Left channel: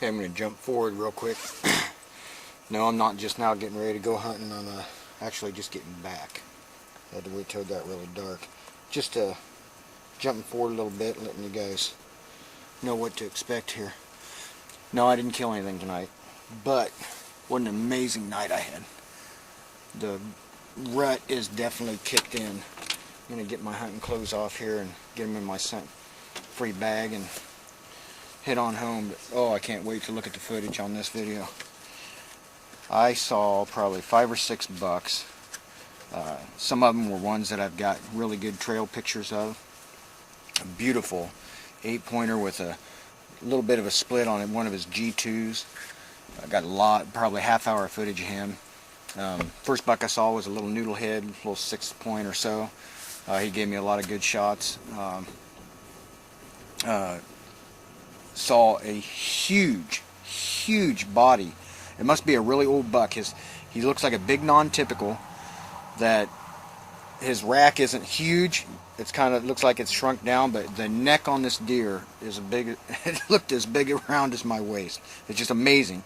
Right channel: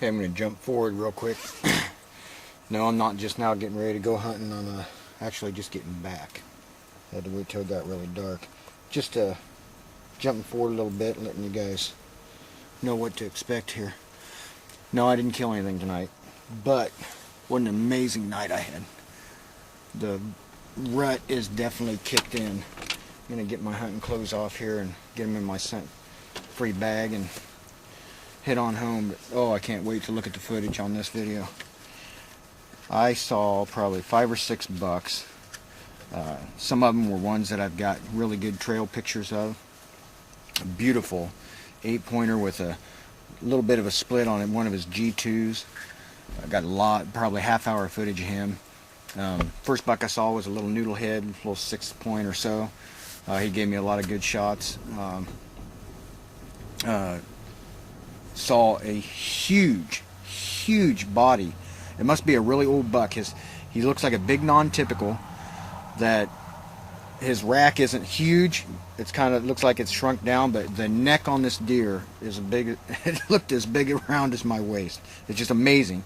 Okay, I'm going to jump forward real quick. No, I'm not just now getting ready to go hunting. I'm actually just getting back. I had to wait till it got really dark. Just jumping forward a little bit, letting you guys know what to expect here. No, I didn't kill anything tonight, but what an amazing night I had. The rut is definitely kicked in. I'm going to get my hunting clothes off here and get them in my scent-free bag and head on home. But oh, I can't wait to look at the footage on this video. I saw probably 5 or 6 bucks. Some of them were ones that I've got really good trail pictures of. A beautiful 8-pointer with a little bit of a split on it, one of his G2s. I got a lot, probably half-hour footage of him. First buck I saw was a little noodle head, a little 6-point or so. He gave me a lot of good shots. Saw a huge body. It must be a really old buck. He looks like a big non-typical. That his rack isn't huge. It's kind of looks like it's shrunk down, but the neck on this deer is a big. It looked as big around as my waist. It's just amazing.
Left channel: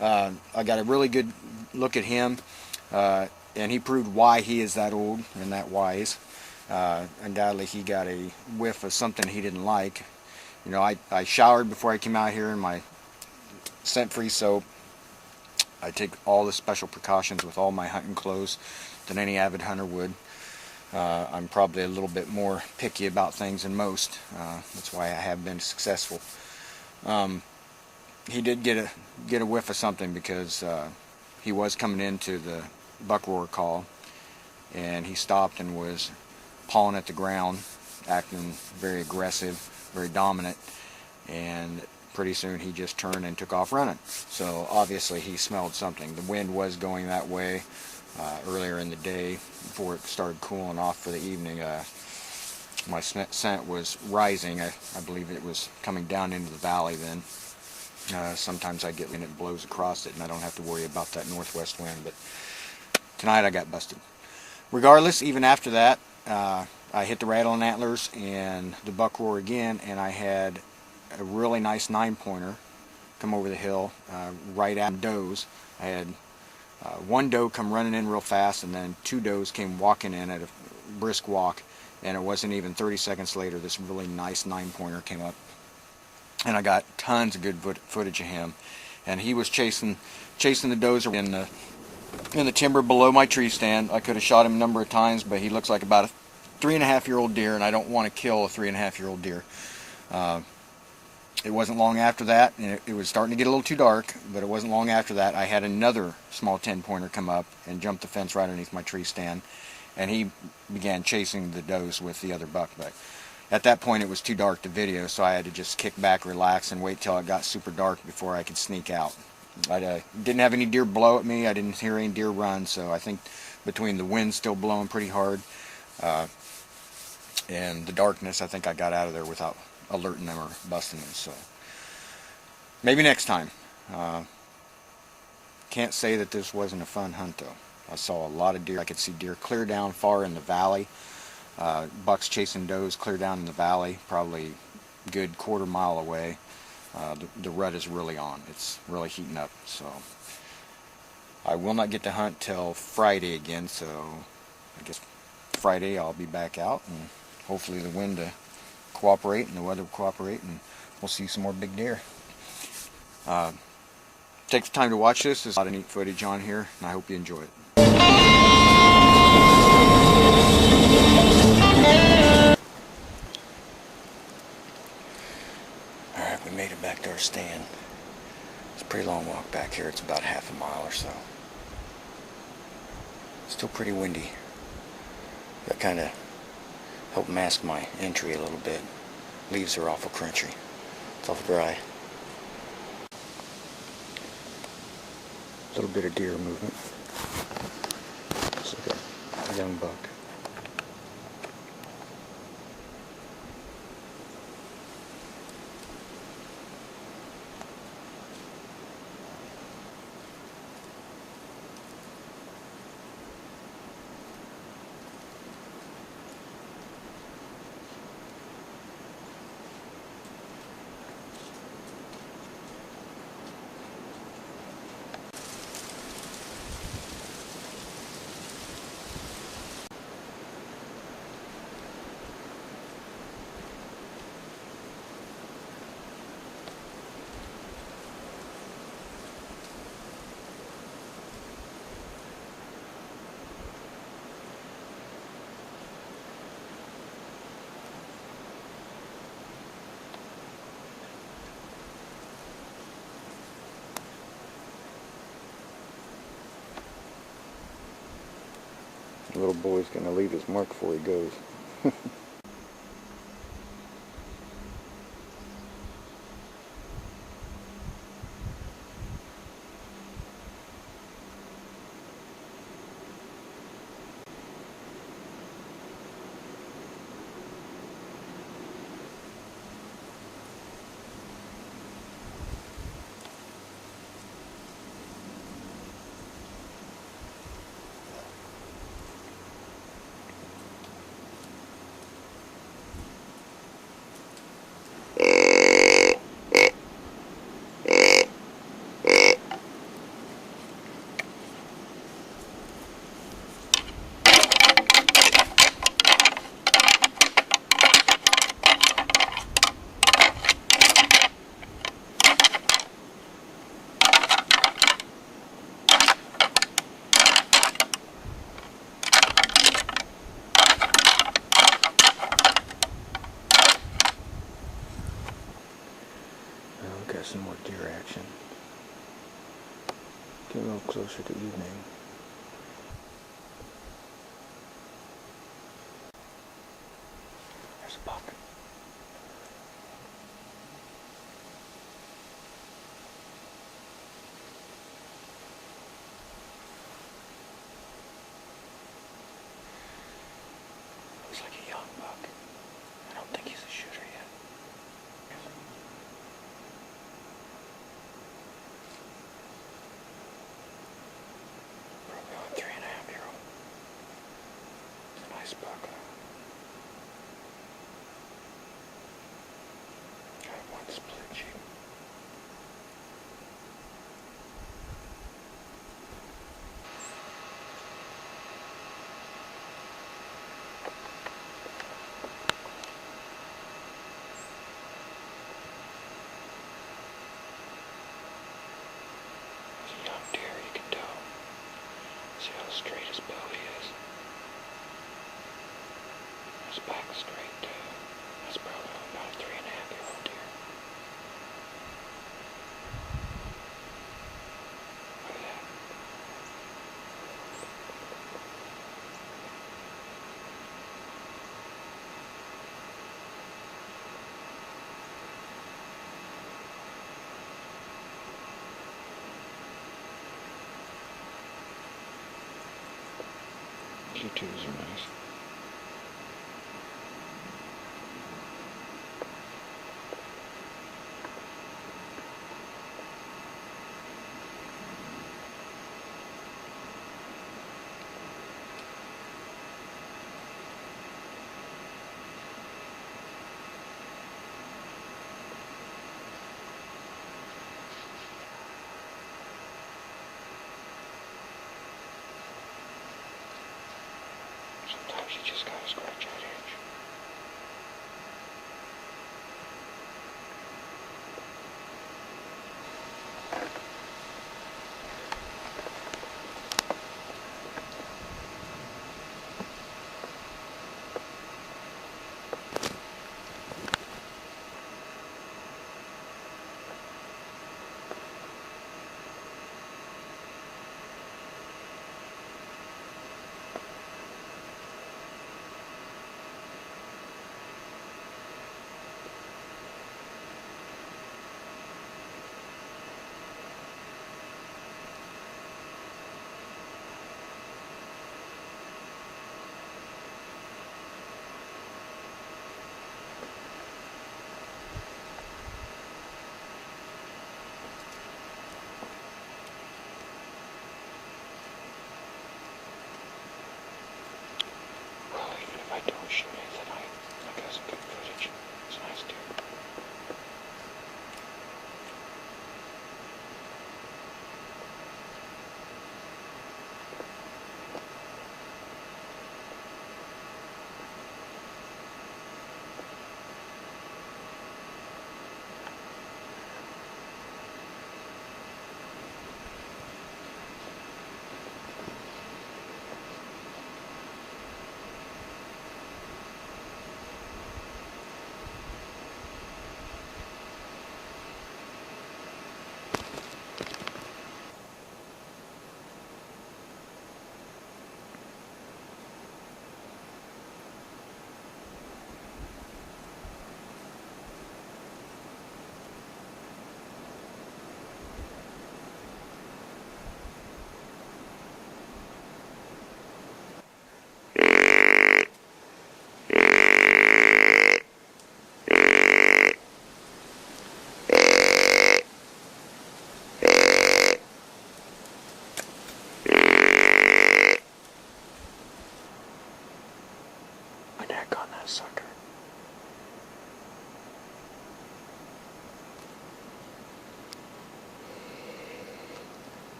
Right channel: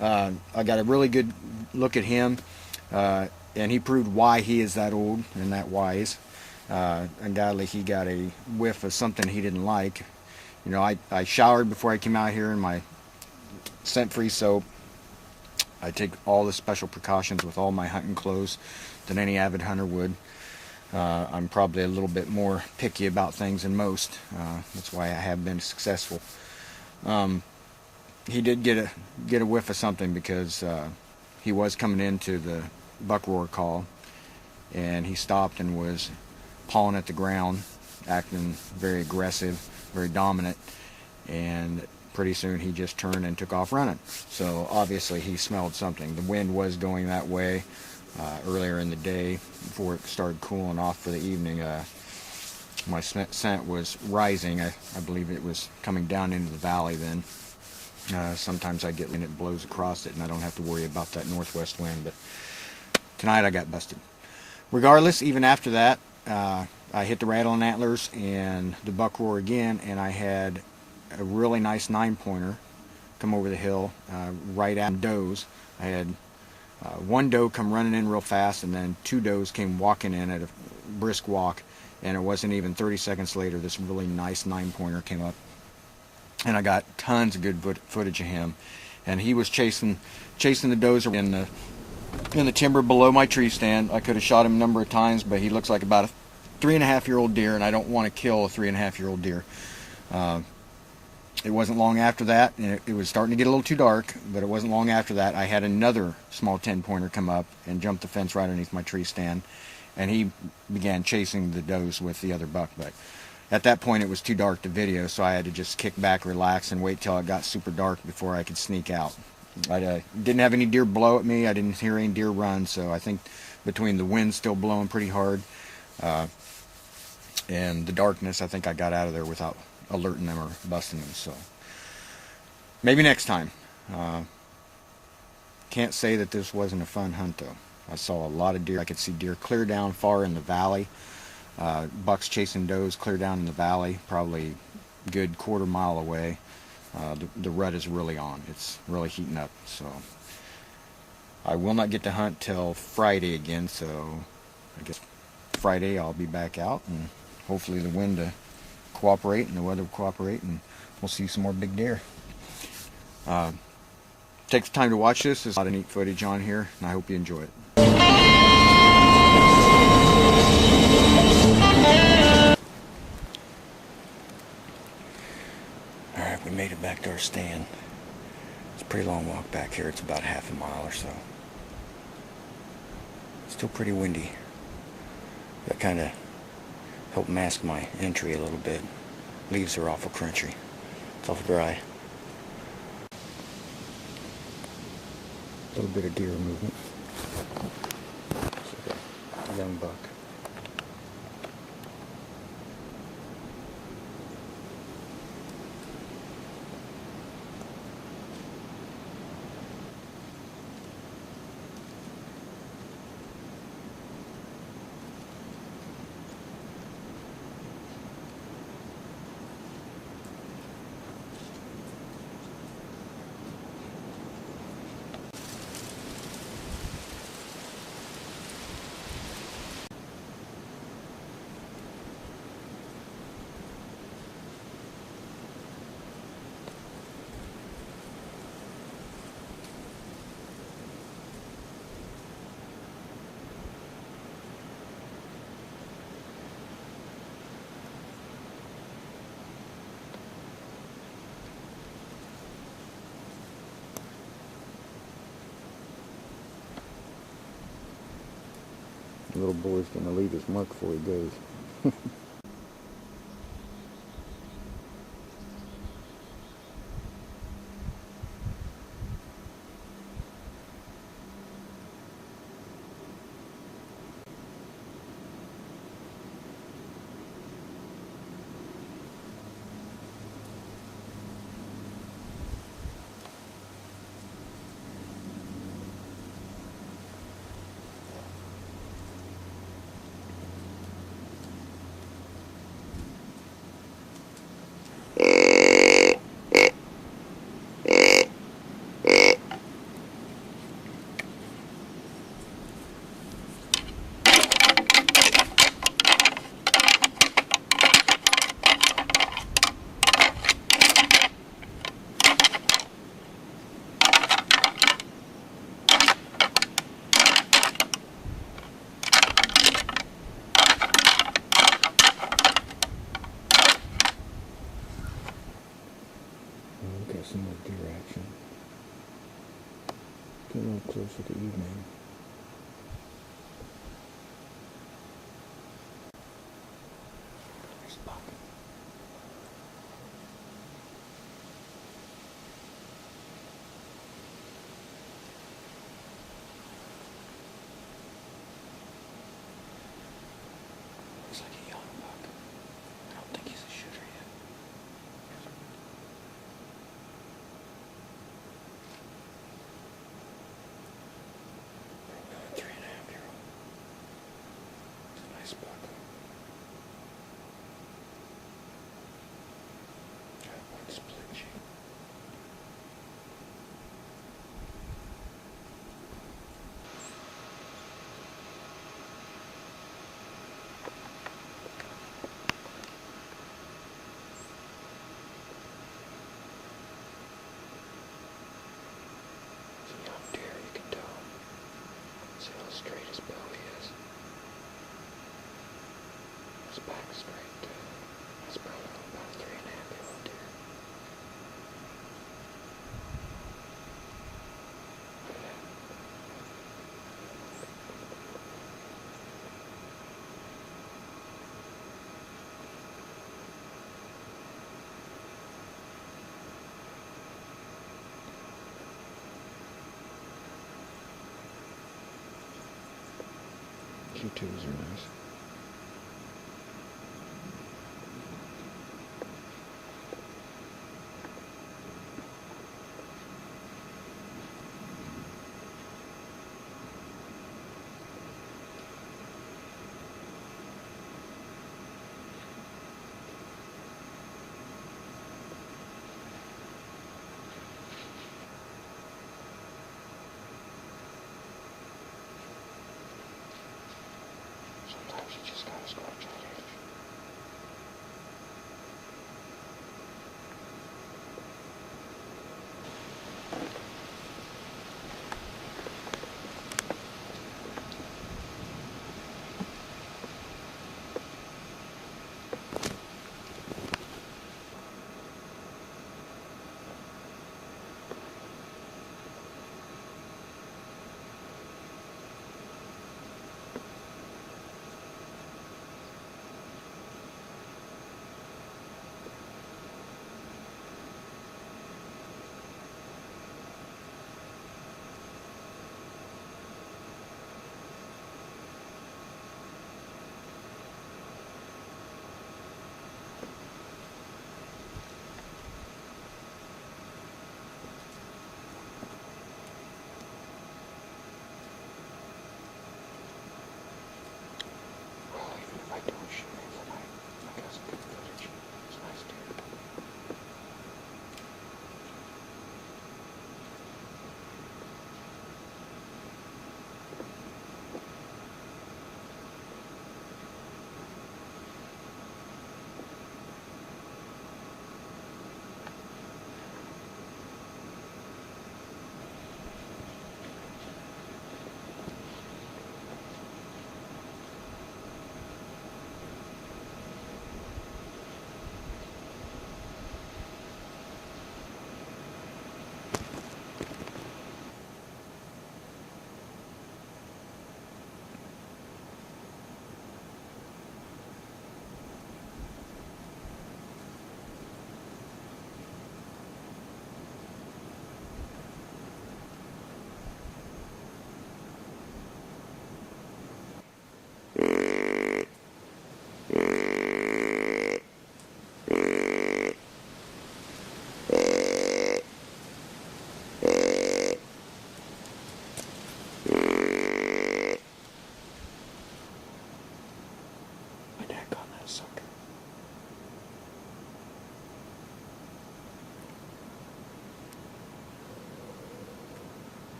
I got a really good look at him, and he proved why he is that old and that wise. Undoubtedly, he got a whiff of something he didn't like. You know, I showered before I came out here in my scent-free soap. I take all the special precautions with all my hunting clothes than any avid hunter would. I'm probably a little bit more picky about things than most. That's why I have been successful. He did get a whiff of something because he was coming into the buck roar call, and he stopped and was pawing at the ground, acting very aggressive, very dominant, and pretty soon he just turned and took off running. So obviously he smelled something. The wind was going that way earlier in the day before it started cooling off for the evening. My scent was rising. I believe it was coming down into the valley then. Sometimes I get and it blows across it and I don't have to worry about that northwest wind, but tonight I got busted. Regardless, even after that, I hit the rattling antlers and the buck roar again, and I had a really nice 9-pointer come over the hill right at does. I had one doe come running in real fast, and then 2 does came walking in at a brisk walk, and it wasn't even 30 seconds later this really nice 9-pointer came up, and I got tons of good footage of him, and he was chasing the does in the timber below my tree stand. I could have shot him a number of times, but he looks like about a 3.5-year-old deer, and I don't want to kill a 3.5-year-old deer. It wasn't long after that, and it was starting to get a little too dark, but it wasn't long after that I had another small 10-pointer come up and jump the fence right underneath my tree stand, and he began chasing the does with the other buck. But at that point it was too dark to video, so I had to just kick back, relax, and wait till it got super dark before I could sneak out. I didn't have any deer blow at me. I didn't hear any deer run, so I think between the wind still blowing pretty hard and the darkness, I think I got out of there without alerting them or busting them. So maybe next time. Can't say that this wasn't a fun hunt though. I saw a lot of deer. I could see deer clear down far in the valley. Bucks chasing does clear down in the valley, probably a good quarter-mile away. The rut is really on. It's really heating up. So I will not get to hunt till Friday again, so I guess Friday I'll be back out, and hopefully the wind to cooperate and the weather will cooperate, and we'll see some more big deer. Take the time to watch this. There's a lot of neat footage on here, and I hope you enjoy it. Alright, we made it back to our stand. It's a pretty long walk back here. It's about half a mile or so. Still pretty windy. That kind of helped mask my entry a little bit. Leaves are awful crunchy. It's awful dry. A little bit of deer movement. Looks like a young buck. Little boy's gonna leave his mark before he goes. Got some more deer action. Get a little closer to evening. There's a buck. Looks like a young buck. I don't think he's a shooter yet. Probably only 3.5-year-old. It's a nice buck though. Got one split cheek. It's a young deer, you can tell. See how straight his belly is. His back's straight too. That's probably about a 3.5-year-old deer. Look at that. Q2s are nice. Sometimes you just gotta scratch that itch. I don't shoot it tonight. I got some good footage. It's a nice deer.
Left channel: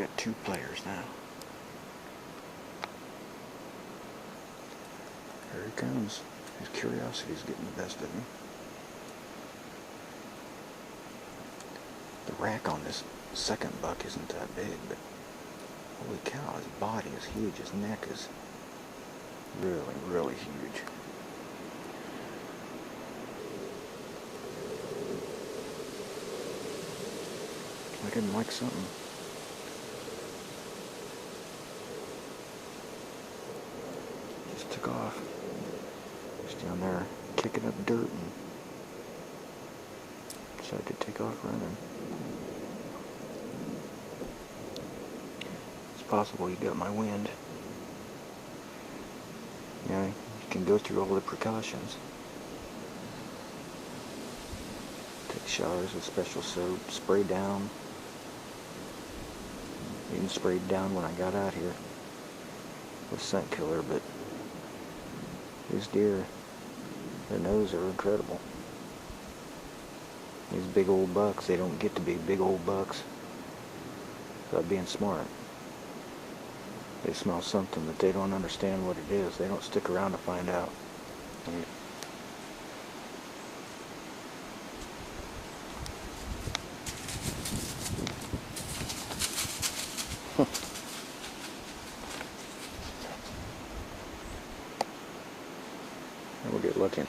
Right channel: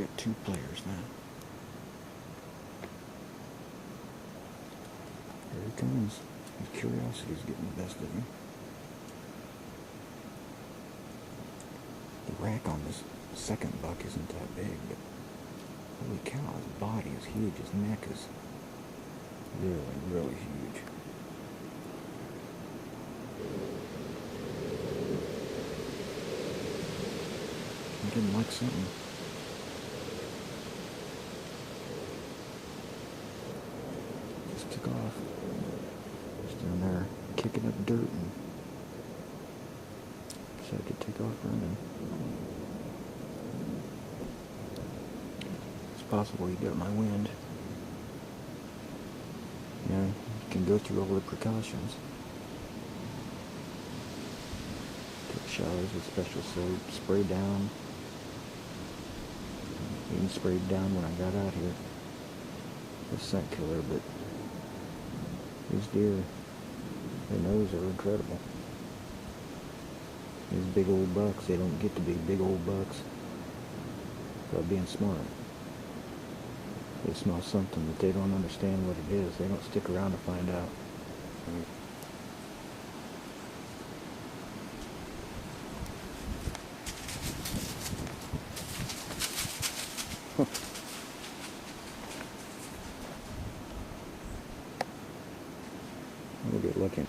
got 2 players now. Here he comes. His curiosity's getting the best of him. The rack on this second buck isn't that big, but holy cow, his body is huge. His neck is really, really huge. I didn't like something. Just took off. Just down there kicking up dirt and decided to take off running. It's possible he got my wind. You know, you can go through all the precautions. Take showers with special soap, spray down. Even sprayed down when I got out here with scent killer, but these deer, their noses are incredible. These big old bucks, they don't get to be big old bucks by being smart. They smell something, but they don't understand what it is. They don't stick around to find out. We'll get looking.